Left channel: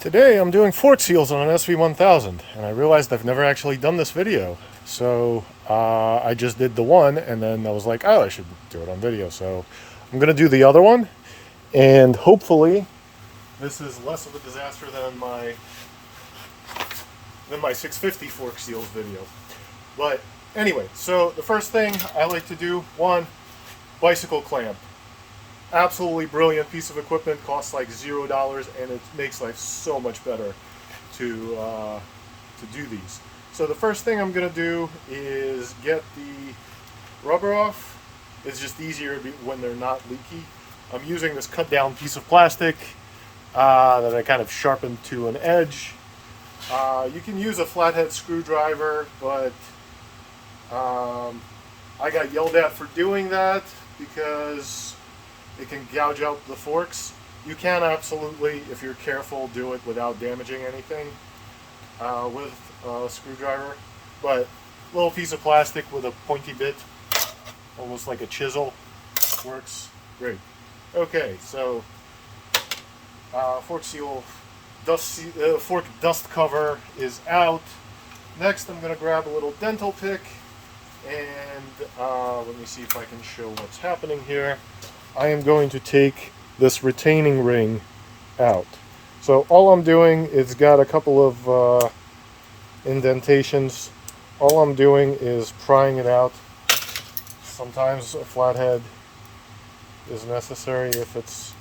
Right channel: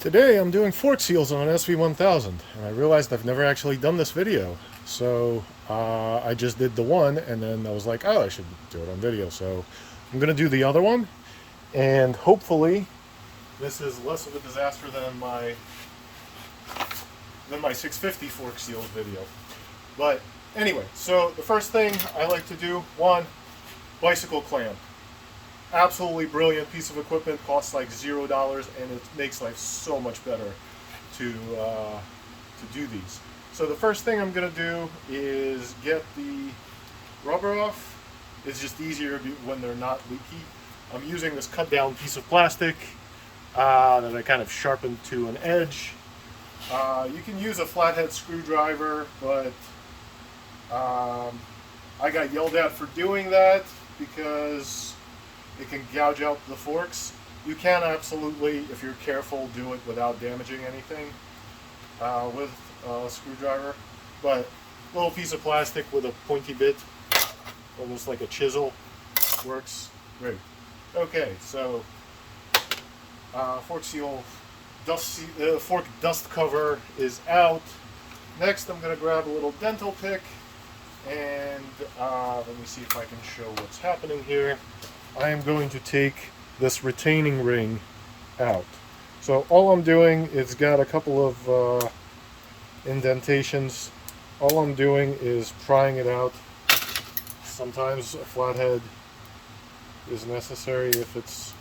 Today I'm doing fork seals on an sv1000 and I realized I've never actually done this video. So I just did the one and then I was like, oh, I should do it on video. So I'm going to do the other one and hopefully this is less of a disaster than my 650 fork seals video. But anyway, so the first thing I like to do, one, bicycle clamp. Absolutely brilliant piece of equipment, costs like $0 and it makes life so much better to do these. So the first thing I'm going to do is get the rubber off. It's just easier when they're not leaky. I'm using this cut down piece of plastic that I kind of sharpened to an edge. You can use a flathead screwdriver, but I got yelled at for doing that because it can gouge out the forks. You can absolutely, if you're careful, do it without damaging anything with a screwdriver. But a little piece of plastic with a pointy bit, almost like a chisel, works great. Okay, so fork seal fork dust cover is out. Next, I'm going to grab a little dental pick and let me see if I can show what's happening here. I am going to take this retaining ring out. So all I'm doing is got a couple of indentations. All I'm doing is prying it out. Sometimes a flathead is necessary if it's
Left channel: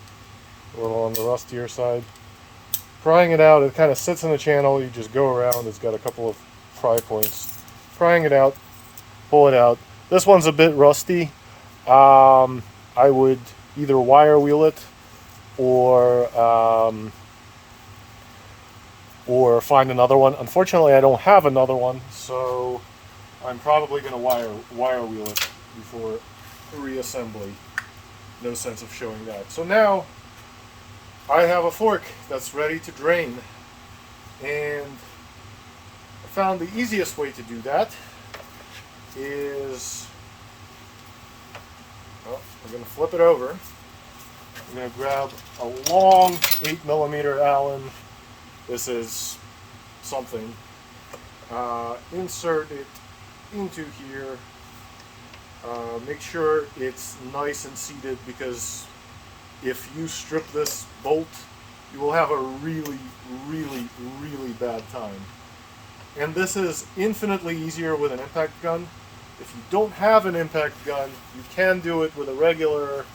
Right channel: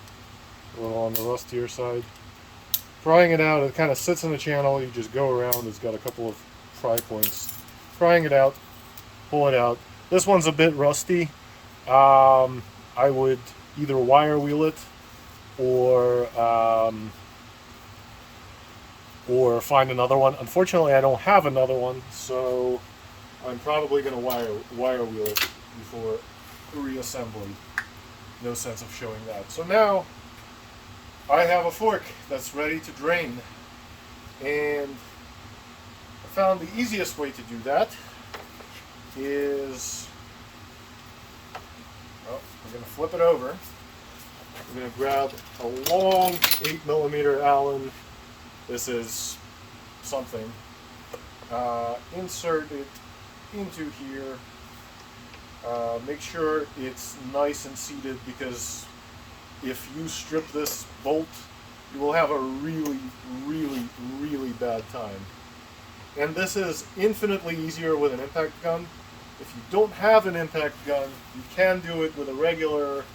a little on the rustier side. Prying it out, it kind of sits in the channel. You just go around. It's got a couple of pry points. Prying it out, pull it out. This one's a bit rusty. I would either wire wheel it or find another one. Unfortunately, I don't have another one, so I'm probably going to wire wheel it before reassembly. No sense of showing that. So now I have a fork that's ready to drain, and I found the easiest way to do that is, well, I'm going to flip it over. I'm going to grab a long 8mm Allen. This is something. Insert it into here. Make sure it's nice and seated, because if you strip this bolt, you will have a really, really, really bad time. And this is infinitely easier with an impact gun. If you don't have an impact gun, you can do it with a regular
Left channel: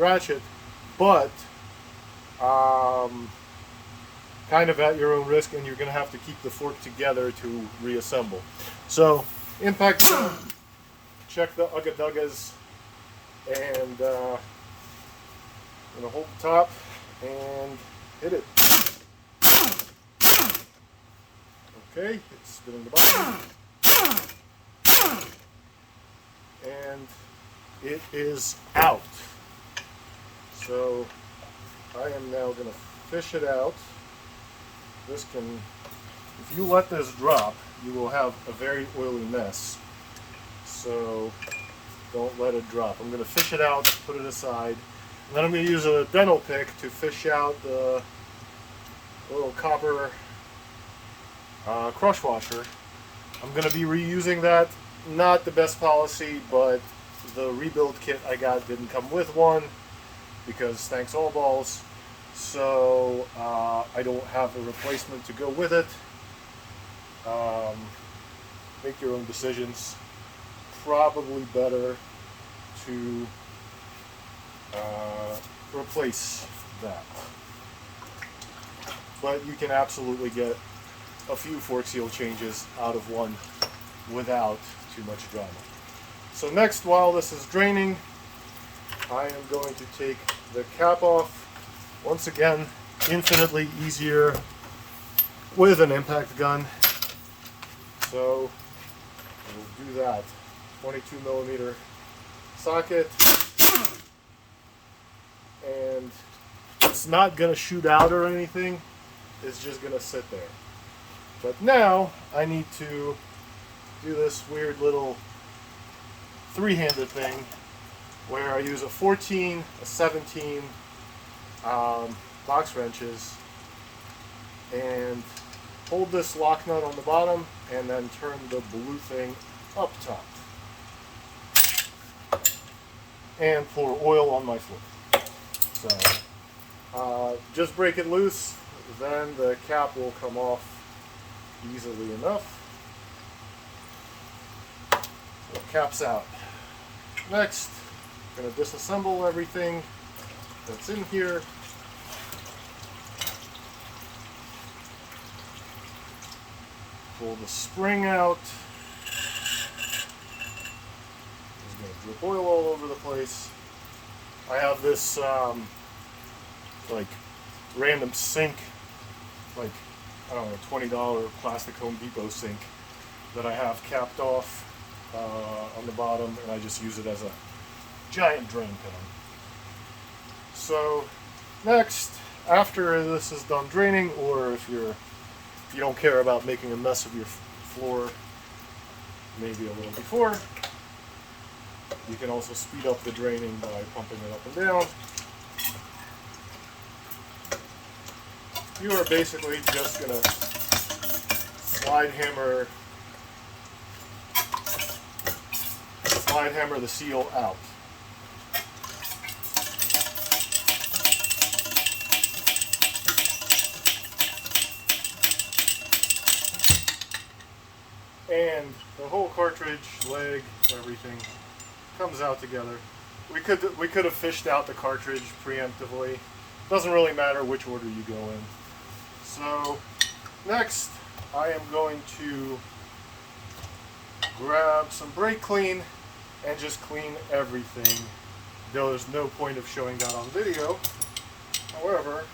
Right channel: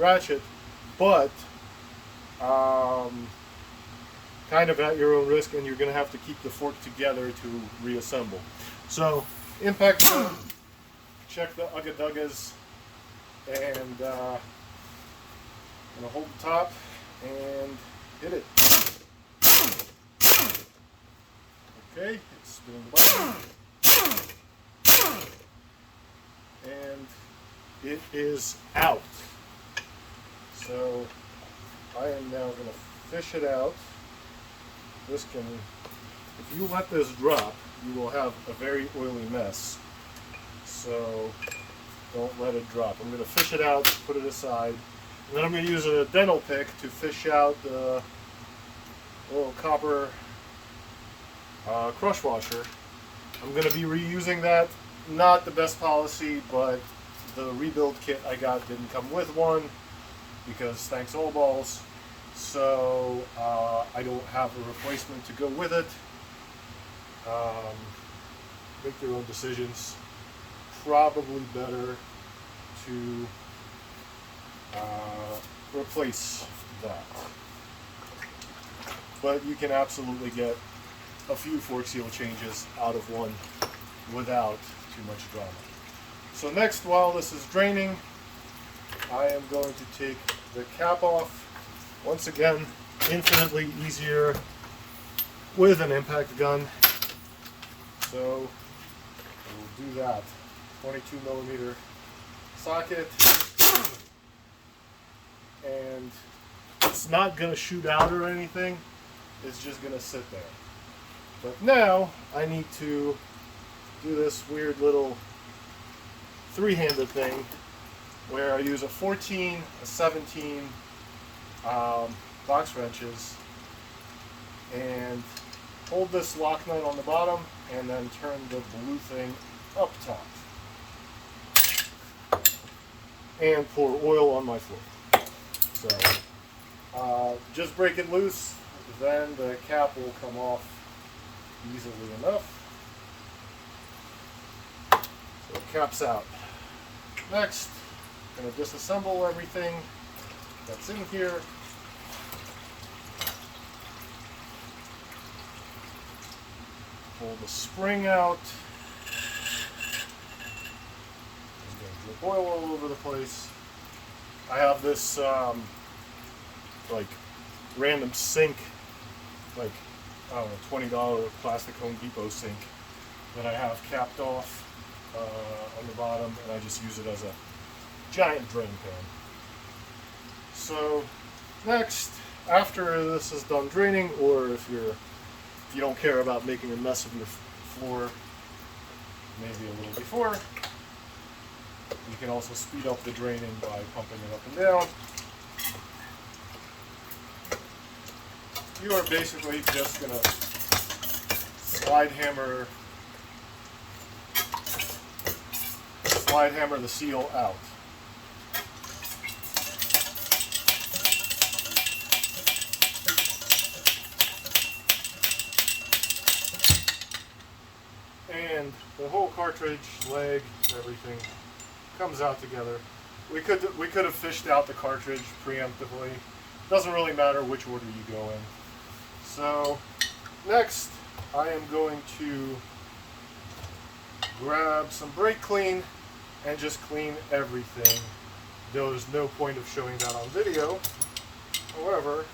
ratchet, but kind of at your own risk, and you're going to have to keep the fork together to reassemble. So, impact gun, check the ugga-duggas, and I'm going to hold the top and hit it. Okay, it's spinning the bottom. And it is out. So I am now going to fish it out. This can, if you let this drop, you will have a very oily mess. So don't let it drop. I'm going to fish it out, put it aside. And then I'm going to use a dental pick to fish out the little copper crush washer. I'm going to be reusing that. Not the best policy, but the rebuild kit I got didn't come with one, because thanks all balls. So I don't have a replacement to go with it. Make your own decisions. Probably better to replace that. But you can absolutely get a few fork seal changes out of one without too much drama. So next, while this is draining, I am going to take the cap off. Once again, infinitely easier with an impact gun. So we'll do that. 22mm socket, and it's not going to shoot out or anything. It's just going to sit there. But now I need to do this weird little three-handed thing where I use a 14, a 17 box wrenches and hold this lock nut on the bottom and then turn the blue thing up top. And pour oil on my floor. So just break it loose, then the cap will come off easily enough. So the cap's out. Next, I'm going to disassemble everything that's in here. Pull the spring out. There's going to drip oil all over the place. I have this like random sink, like I don't know, $20 plastic Home Depot sink that I have capped off on the bottom, and I just use it as a giant drain pan. So next, after this is done draining, or if you don't care about making a mess of your floor, maybe a little before, you can also speed up the draining by pumping it up and down. You are basically just going to slide hammer the seal out. And the whole cartridge, leg, everything comes out together. We could have fished out the cartridge preemptively. Doesn't really matter which order you go in. So next, I am going to grab some brake clean and just clean everything. There's no point of showing that on video. However,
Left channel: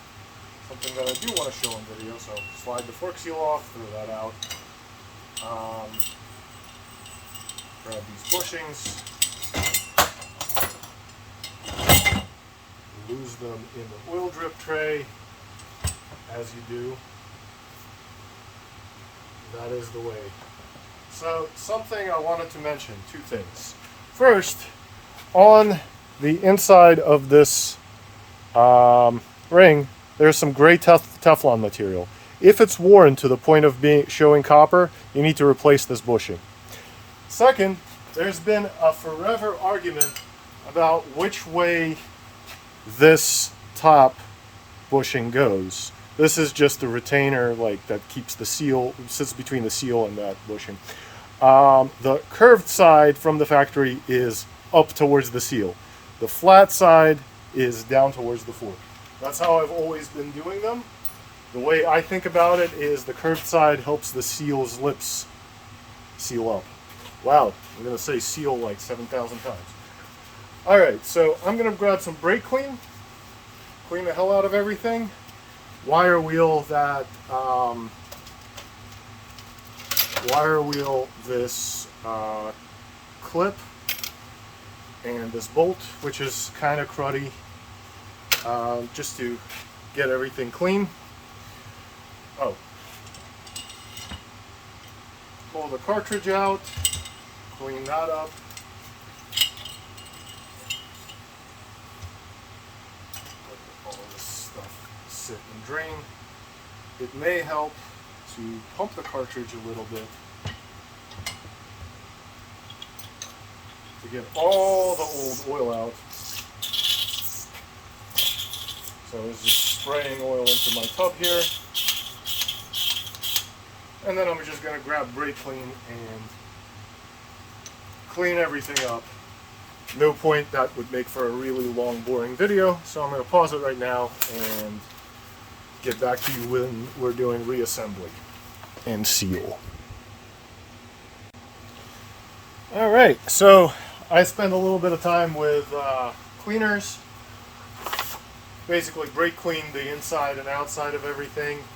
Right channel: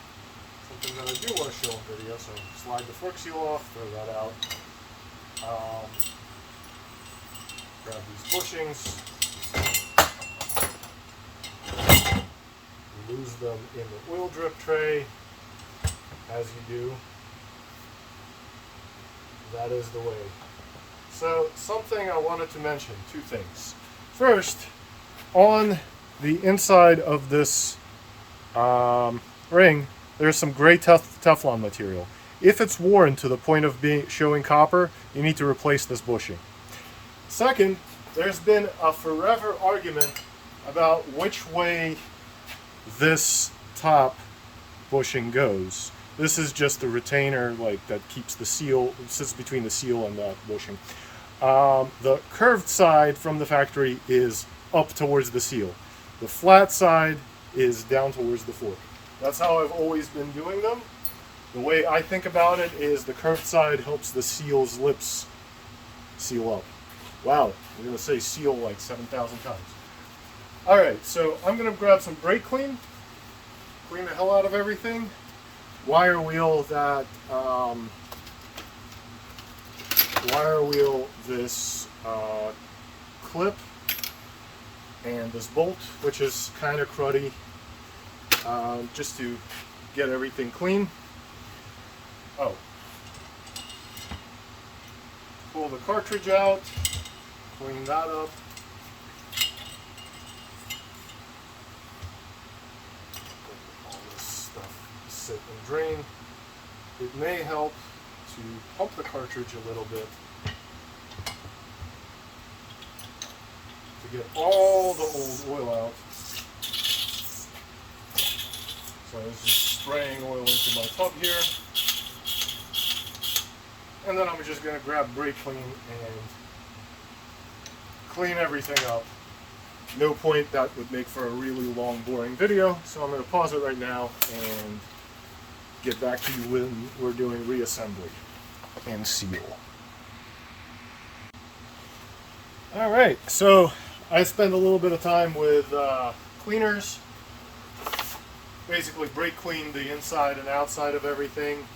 something that I do want to show on video, so slide the fork seal off, throw that out. Grab these bushings, lose them in the oil drip tray, as you do. That is the way. So something I wanted to mention, two things. First, on the inside of this ring, there's some gray Teflon material. If it's worn to the point of showing copper, you need to replace this bushing. Second, there's been a forever argument about which way this top bushing goes. This is just the retainer, like that keeps the seal, sits between the seal and that bushing. The curved side from the factory is up towards the seal. The flat side is down towards the fork. That's how I've always been doing them. The way I think about it is the curved side helps the seal's lips seal up. Wow, I'm going to say seal like 7,000 times. Alright, so I'm going to grab some brake clean, clean the hell out of everything. Wire wheel this clip and this bolt, which is kind of cruddy, just to get everything clean. Oh, pull the cartridge out, clean that up. Let all this stuff sit and drain. It may help to pump the cartridge a little bit to get all the old oil out. So I was just spraying oil into my tub here. And then I'm just going to grab brake clean and clean everything up. No point, that would make for a really long, boring video. So I'm going to pause it right now and get back to you when we're doing reassembly and seal. Alright, so I spend a little bit of time with cleaners. Basically brake clean the inside and outside of everything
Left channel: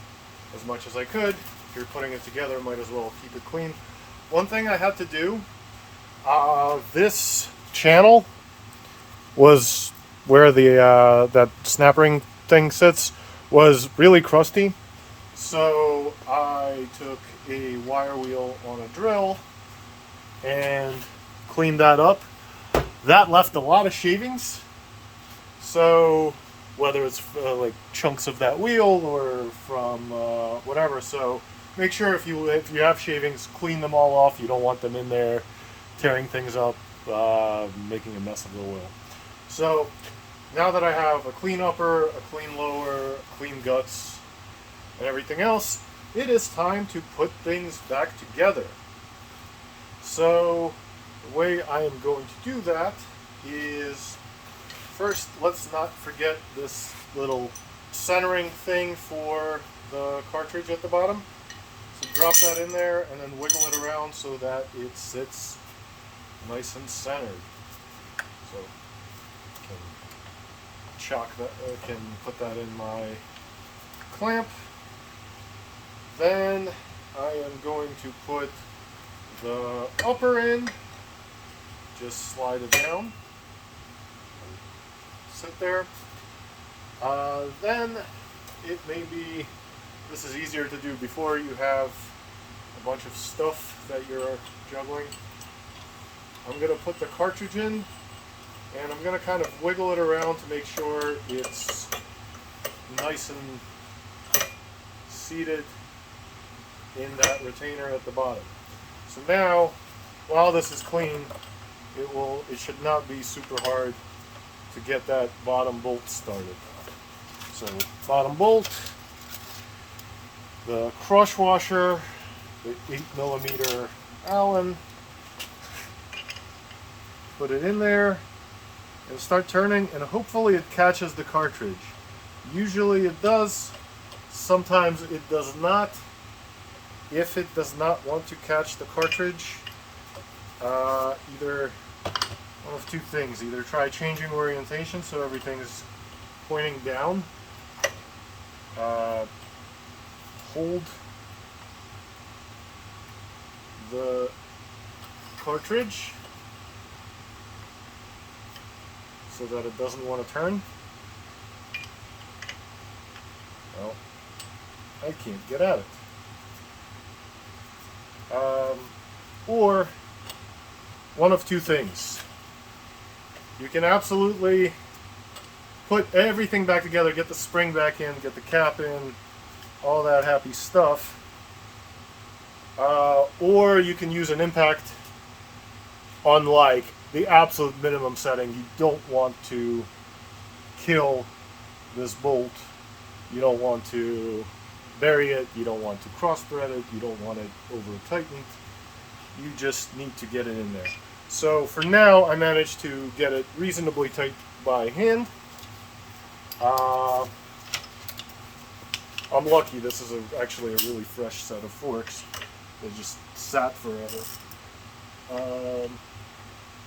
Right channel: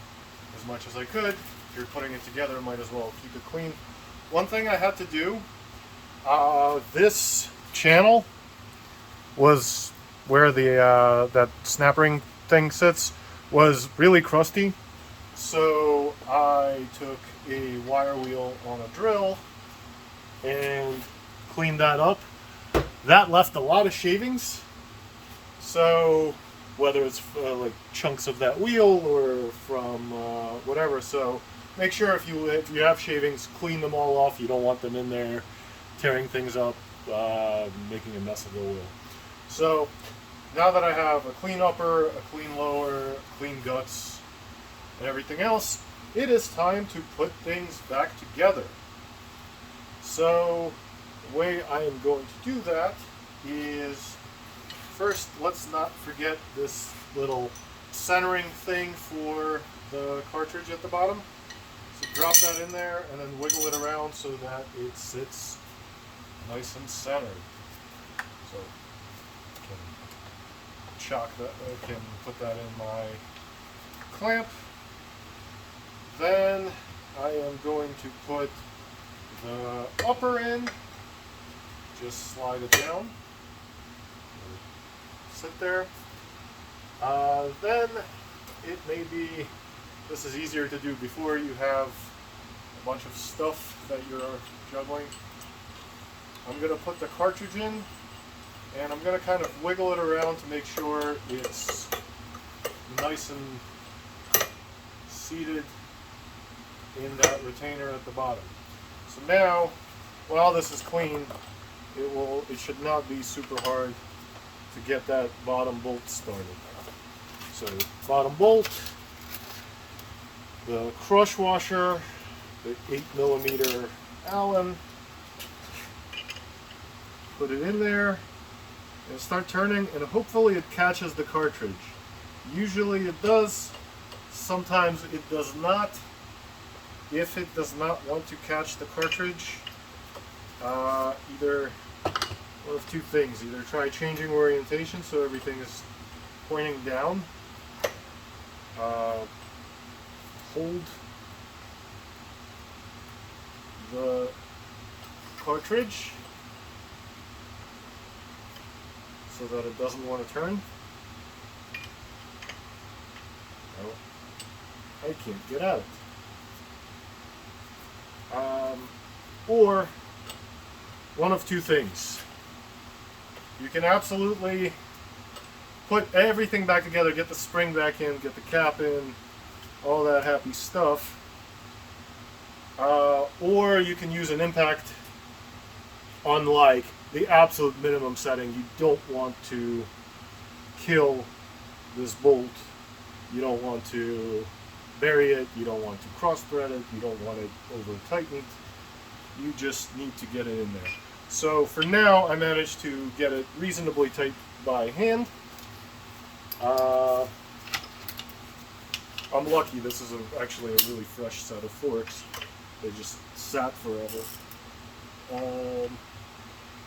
as much as I could. If you're putting it together, might as well keep it clean. One thing I had to do, this channel was where the that snap ring thing sits, was really crusty. So I took a wire wheel on a drill and cleaned that up. That left a lot of shavings. So whether it's like chunks of that wheel or from whatever. So make sure if you have shavings, clean them all off. You don't want them in there tearing things up, making a mess of the oil. So now that I have a clean upper, a clean lower, clean guts, and everything else, it is time to put things back together. So the way I am going to do that is, first, let's not forget this little centering thing for the cartridge at the bottom. So drop that in there and then wiggle it around so that it sits nice and centered. So I can put that in my clamp. Then I am going to put the upper in, just slide it down, sit there. Then it may be, this is easier to do before you have a bunch of stuff that you're juggling. I'm going to put the cartridge in, and I'm going to kind of wiggle it around to make sure it's nice and seated in that retainer at the bottom. So now, while this is clean, it should not be super hard to get that bottom bolt started. So bottom bolt, the crush washer, the 8mm Allen, put it in there and start turning, and hopefully it catches the cartridge. Usually it does, sometimes it does not. If it does not want to catch the cartridge, either one of two things. Either try changing orientation so everything's pointing down. Hold the cartridge so that it doesn't want to turn. Well, I can't get at it. Or one of two things. You can absolutely put everything back together, get the spring back in, get the cap in, all that happy stuff. Or you can use an impact on like the absolute minimum setting. You don't want to kill this bolt. You don't want to bury it. You don't want to cross thread it. You don't want it over tightened. You just need to get it in there. So for now, I managed to get it reasonably tight by hand. I'm lucky. This is actually a really fresh set of forks. They just sat forever.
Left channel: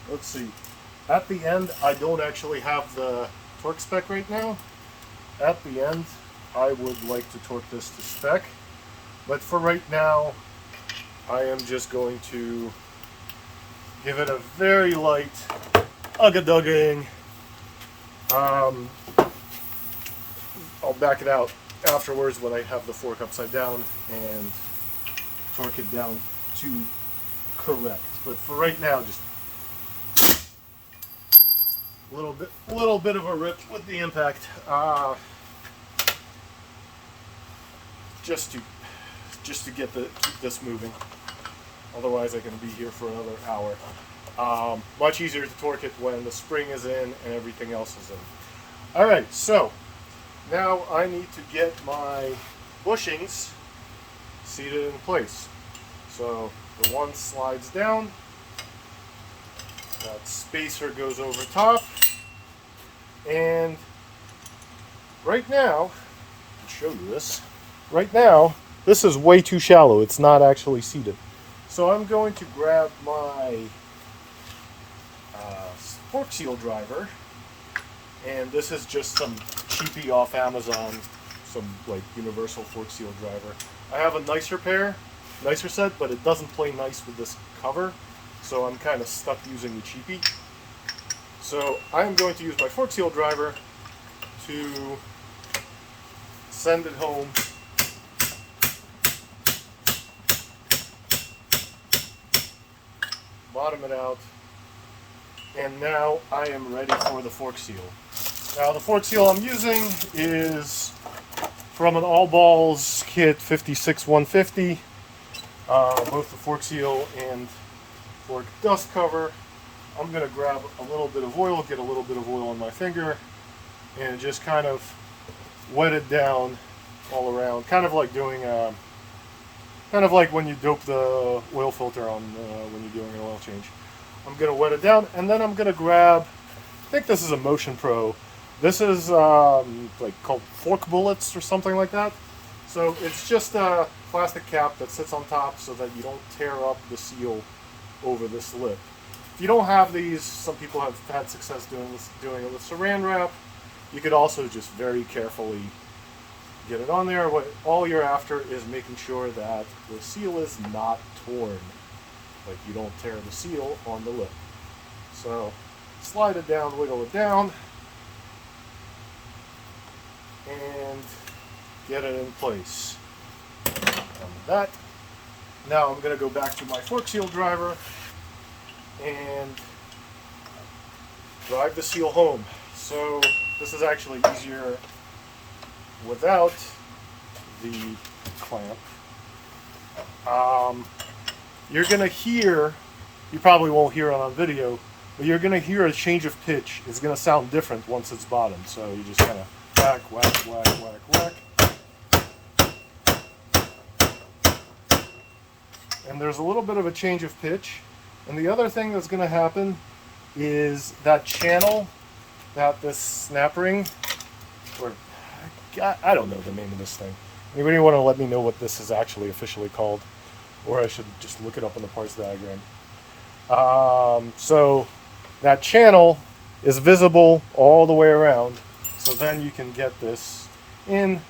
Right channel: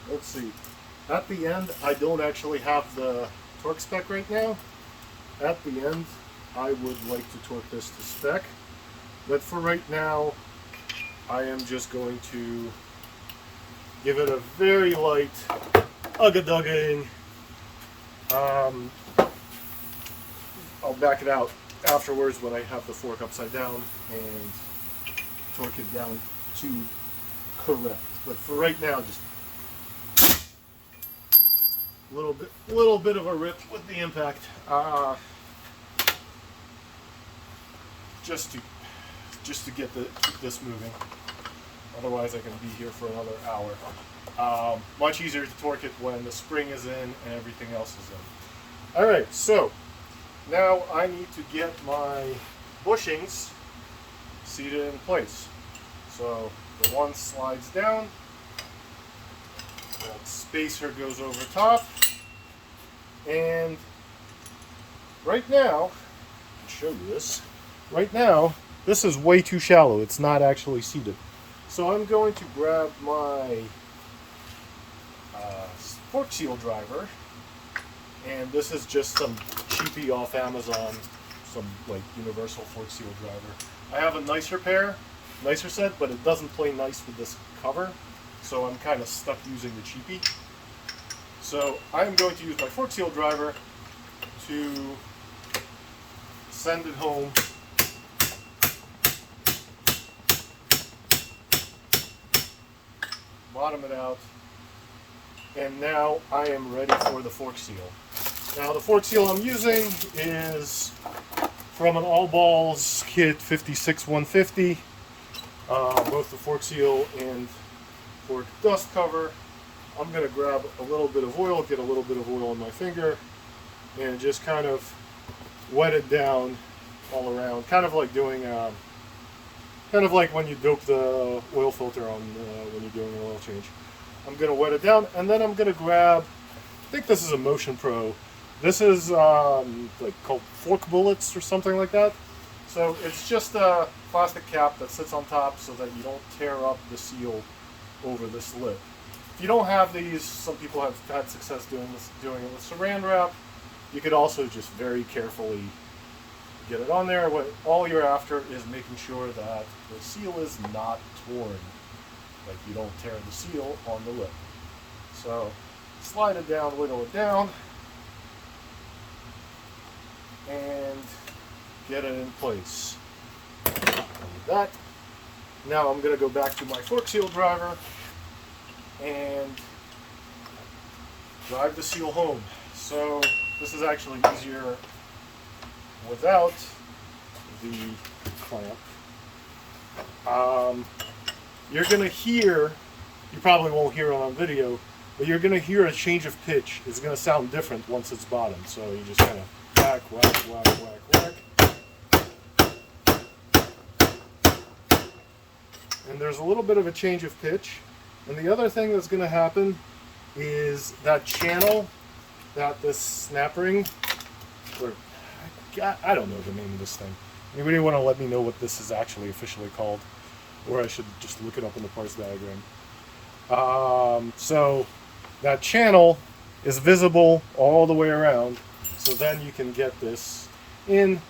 Let's see. At the end, I don't actually have the torque spec right now. At the end, I would like to torque this to spec. But for right now, I am just going to give it a very light ugga-dugging. I'll back it out afterwards when I have the fork upside down and torque it down to correct. But for right now, just a little bit of a rip with the impact, just to get keep this moving. Otherwise, I can be here for another hour. Much easier to torque it when the spring is in and everything else is in. All right, so now I need to get my bushings seated in place. So the one slides down, that spacer goes over top, and right now, I'll show you this. Right now, this is way too shallow. It's not actually seated. So I'm going to grab my fork seal driver, and this is just some cheapy off Amazon, some like universal fork seal driver. I have a nicer set, but it doesn't play nice with this cover, so I'm kind of stuck using the cheapy. So I'm going to use my fork seal driver to send it home. Bottom it out, and now I am ready for the fork seal. Now the fork seal I'm using is from an All Balls kit 56150. Both the fork seal and fork dust cover. I'm going to grab a little bit of oil, get a little bit of oil on my finger, and just kind of wet it down all around. Kind of like doing kind of like when you dope the oil filter on when you're doing an oil change. I'm going to wet it down, and then I'm going to grab, I think this is a Motion Pro. This is like called fork bullets or something like that. So it's just a plastic cap that sits on top so that you don't tear up the seal over this lip. If you don't have these, some people have had success doing it with saran wrap. You could also just very carefully get it on there. What all you're after is making sure that the seal is not torn, like you don't tear the seal on the lip. So slide it down, wiggle it down, and get it in place. And with that, now I'm going to go back to my fork seal driver and drive the seal home. So this is actually easier without the clamp. You're going to hear, you probably won't hear it on video, but you're going to hear a change of pitch. It's going to sound different once it's bottomed. So you just kind of whack, whack, whack, whack, whack. And there's a little bit of a change of pitch. And the other thing that's going to happen is that channel that this snap ring, or I don't know the name of this thing. Anybody want to let me know what this is actually officially called? Or I should just look it up in the parts diagram. So that channel is visible all the way around. So then you can get this in,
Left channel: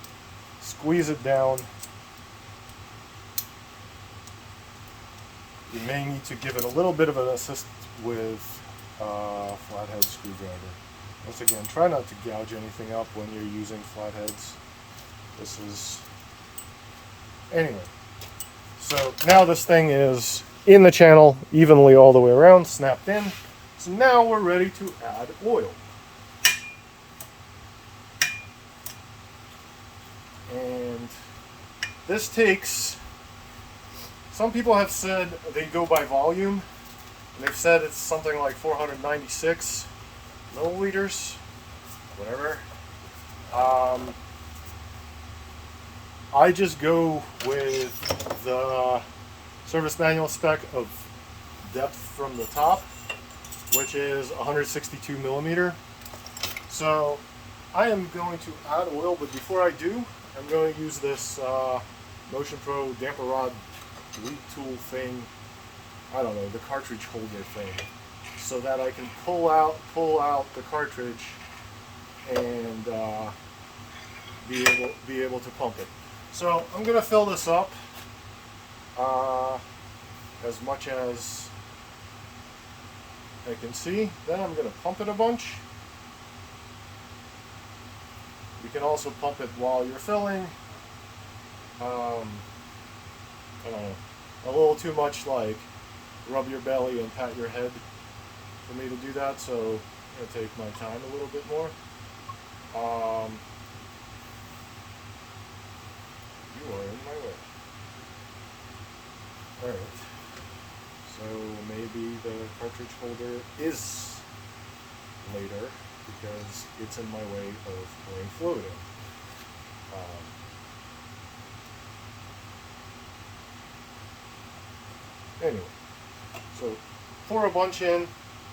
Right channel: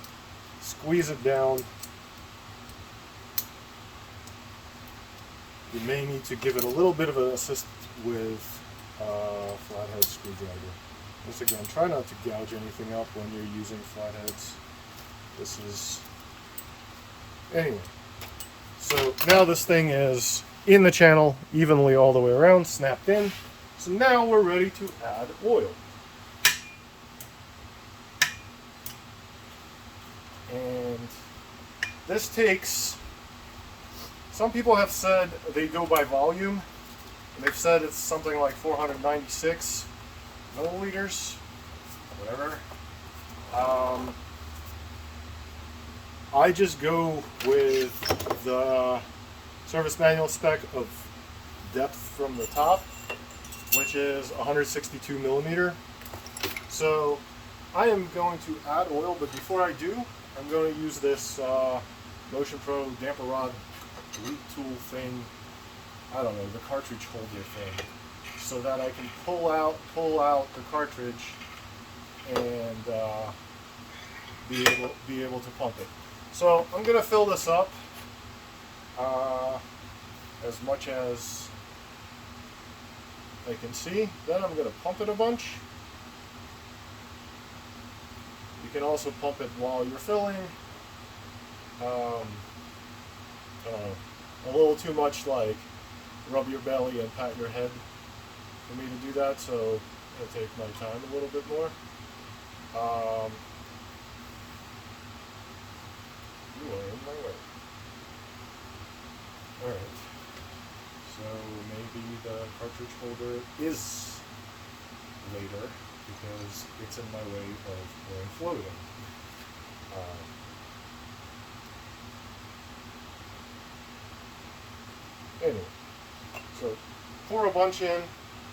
squeeze it down. You may need to give it a little bit of an assist with a flathead screwdriver. Once again, try not to gouge anything up when you're using flatheads. This is... Anyway, so now this thing is in the channel evenly all the way around, snapped in. So now we're ready to add oil. And this takes... Some people have said they go by volume, and they've said it's something like 496 milliliters, whatever. I just go with the service manual spec of depth from the top, which is 162 millimeter. So I am going to add oil, but before I do, I'm going to use this Motion Pro damper rod lead tool thing, I don't know, the cartridge holder thing, so that I can pull out the cartridge and be able to pump it. So I'm going to fill this up as much as I can see. Then I'm going to pump it a bunch. You can also pump it while you're filling. I don't know, a little too much like rub your belly and pat your head for me to do that, so I'll take my time a little bit more. You are in my way. Alright, so maybe the cartridge holder is later because it's in my way of going floating. Anyway, so pour a bunch in.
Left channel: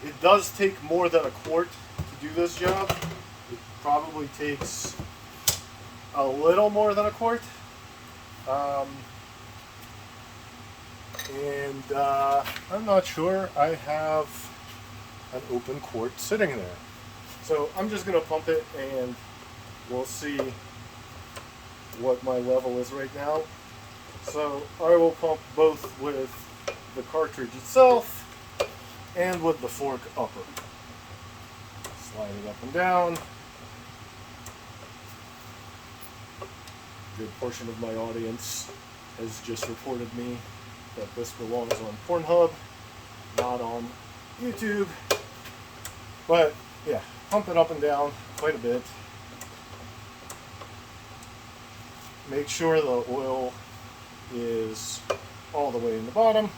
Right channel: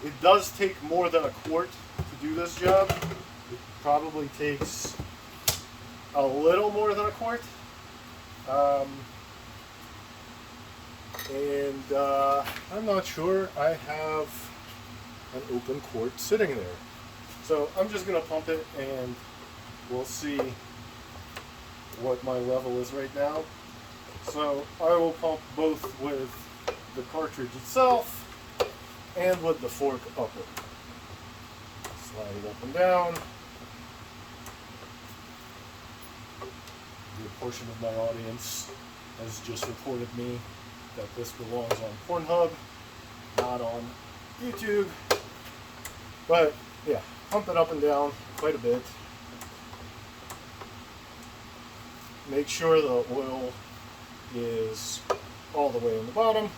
It does take more than a quart to do this job. It probably takes a little more than a quart. I'm not sure I have an open quart sitting there. So I'm just going to pump it and we'll see what my level is right now. So I will pump both with the cartridge itself and with the fork upper. Slide it up and down. A good portion of my audience has just reported me that this belongs on Pornhub, not on YouTube. But yeah, pump it up and down, quite a bit. Make sure the oil is all the way in the bottom.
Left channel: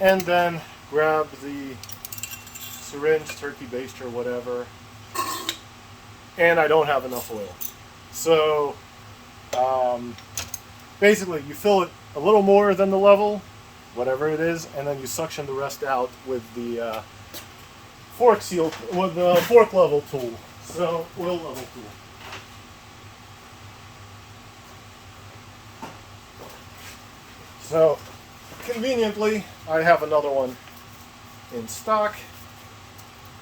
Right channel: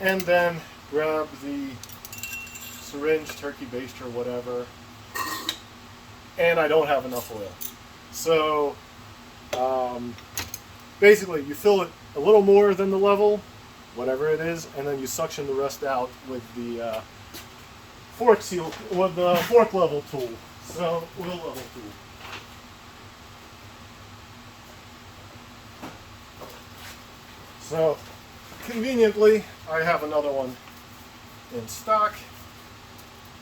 And then grab the syringe, turkey baster, whatever. And I don't have enough oil. So basically you fill it a little more than the level, whatever it is, and then you suction the rest out with the fork seal, with the fork level tool. So oil level tool. So conveniently, I have another one in stock.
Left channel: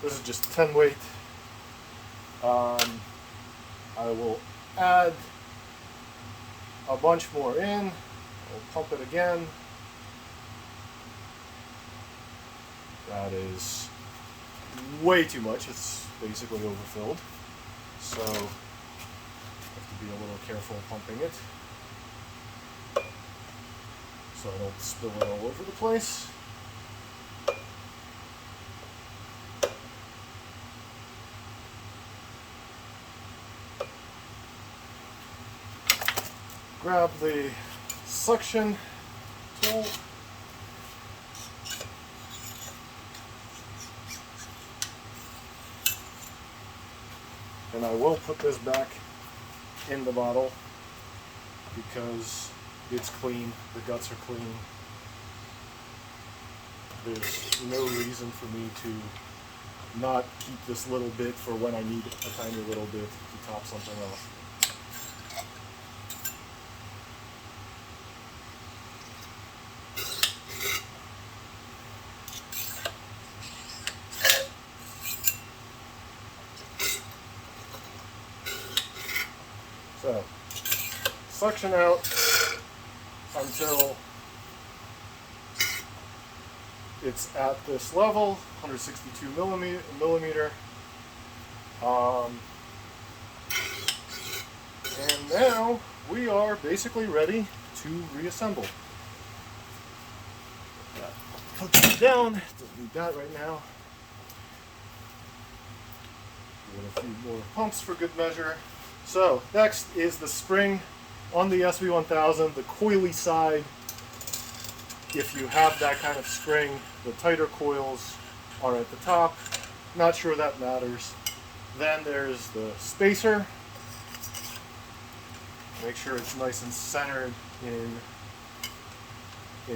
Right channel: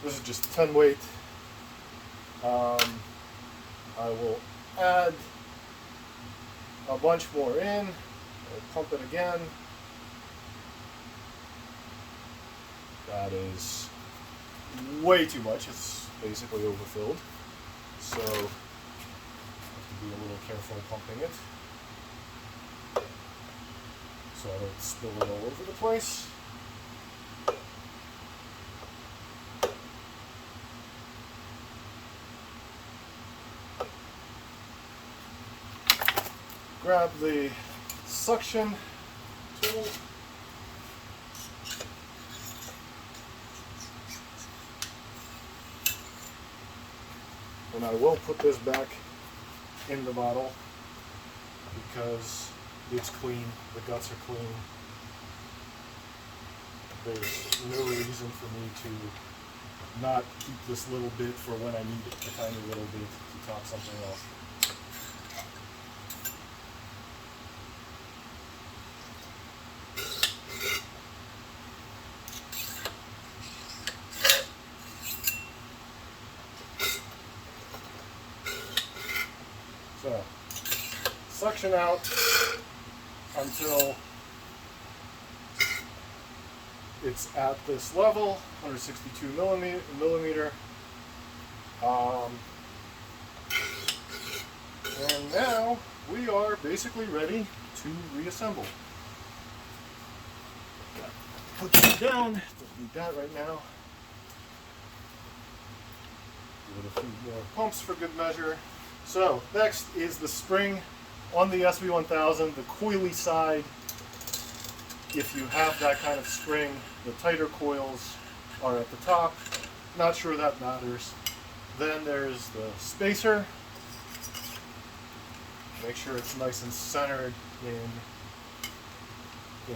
This is just 10 weight. I will add a bunch more in. I'll pump it again. That is way too much. It's basically overfilled. So I have to be a little careful pumping it, so I don't spill it all over the place. Grab the suction tool. And I will put this back in the bottle because it's clean, the guts are clean. There's no reason for me to not keep this little bit for when I need a tiny little bit to top something off. So, suction out until it's at this level, 162 millimeter. And now we are basically ready to reassemble. Put that down, don't need that right now. Give it a few more pumps for good measure. So next is the spring on the sv1000, the coily side. If you have that kind of spring, the tighter coils are at the top. Not sure that matters. Then there's the spacer. Make sure it's nice and centered in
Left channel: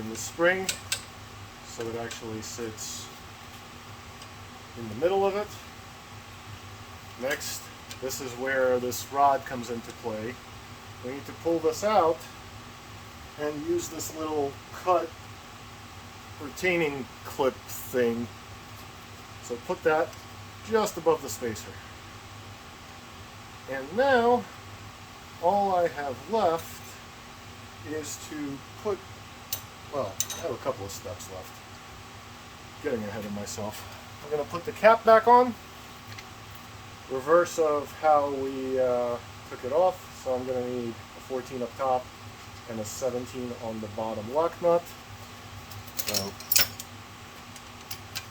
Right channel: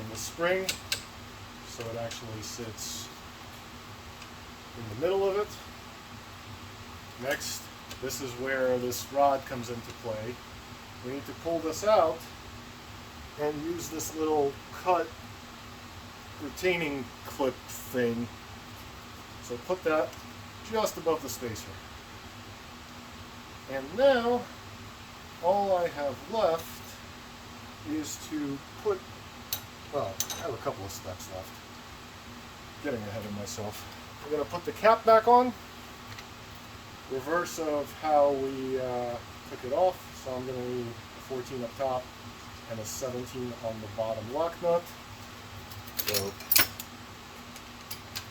the spring so it actually sits in the middle of it. Next, this is where this rod comes into play. We need to pull this out and use this little cut retaining clip thing. So put that just above the spacer. And now all I have left is to put, well, I have a couple of steps left. Getting ahead of myself. We're going to put the cap back on. Reverse of how we took it off. So I'm going to need a 14 up top and a 17 on the bottom lock nut. So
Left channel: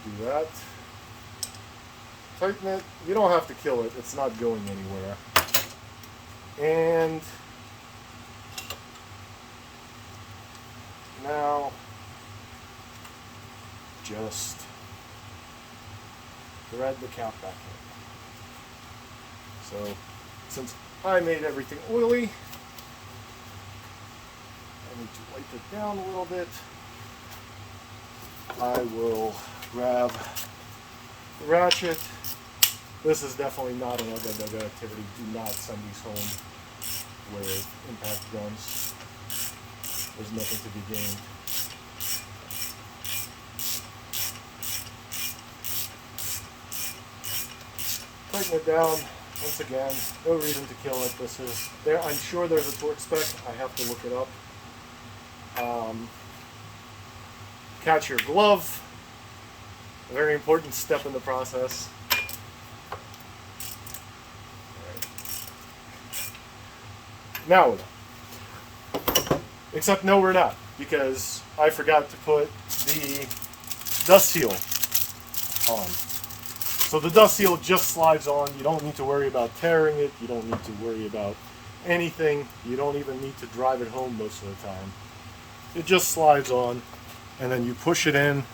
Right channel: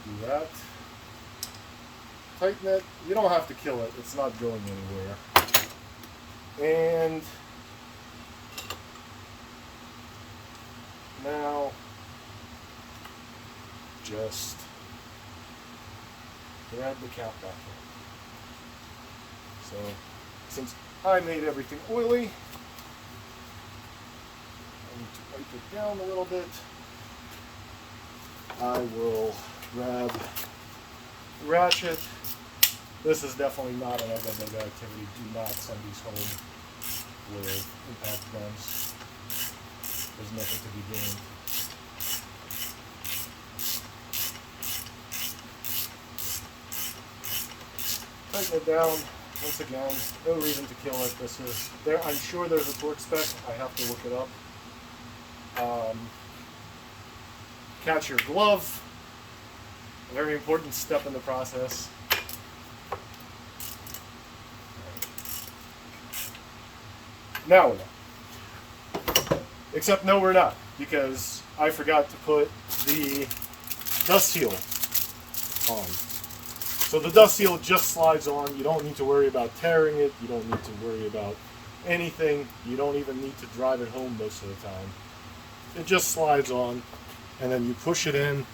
do that. Tighten it. You don't have to kill it. It's not going anywhere. And now just thread the cap back in. So since I made everything oily, I need to wipe it down a little bit. I will grab the ratchet. This is definitely not an egg activity. Do not send these home with impact guns. There's nothing to be gained. Tighten it down. Once again, no reason to kill it. This is there. I'm sure there's a torque spec. I have to look it up. Catch your glove. A very important step in the process. Now we're done. Except no, we're not, because I forgot to put the dust seal on. So the dust seal just slides on. You don't need to worry about tearing it. You don't need to worry about anything. You don't even need to drive it home most of the time. It just slides on, and then you push it in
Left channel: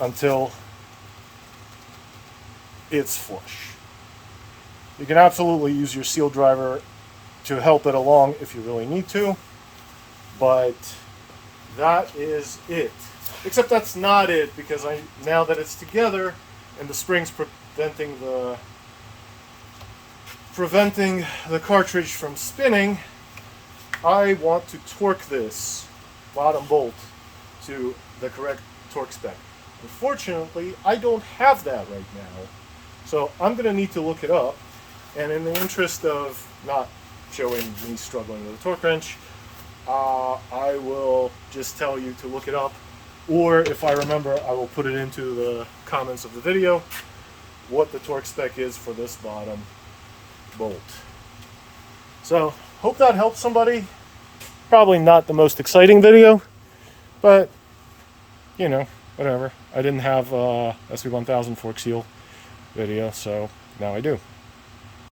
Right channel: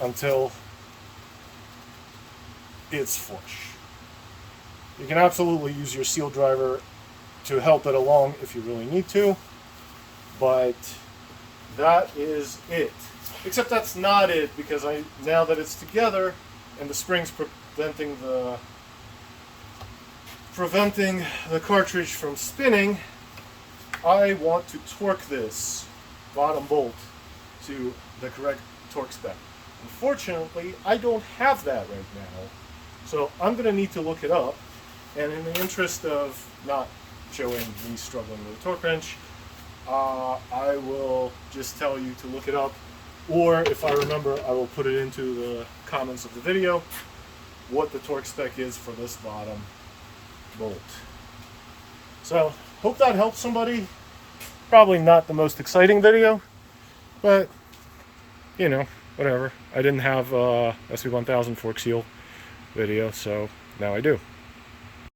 until it's flush. You can absolutely use your seal driver to help it along if you really need to, but that is it. Except that's not it, because now that it's together and the spring's preventing the cartridge from spinning, I want to torque this bottom bolt to the correct torque spec. Unfortunately, I don't have that right now, so I'm going to need to look it up, and in the interest of not showing me struggling with a torque wrench, I will just tell you to look it up, or if I remember, I will put it into the comments of the video what the torque spec is for this bottom bolt. So, hope that helps somebody. Probably not the most exciting video, but you know, whatever. I didn't have a sv1000 fork seal video, so now I do.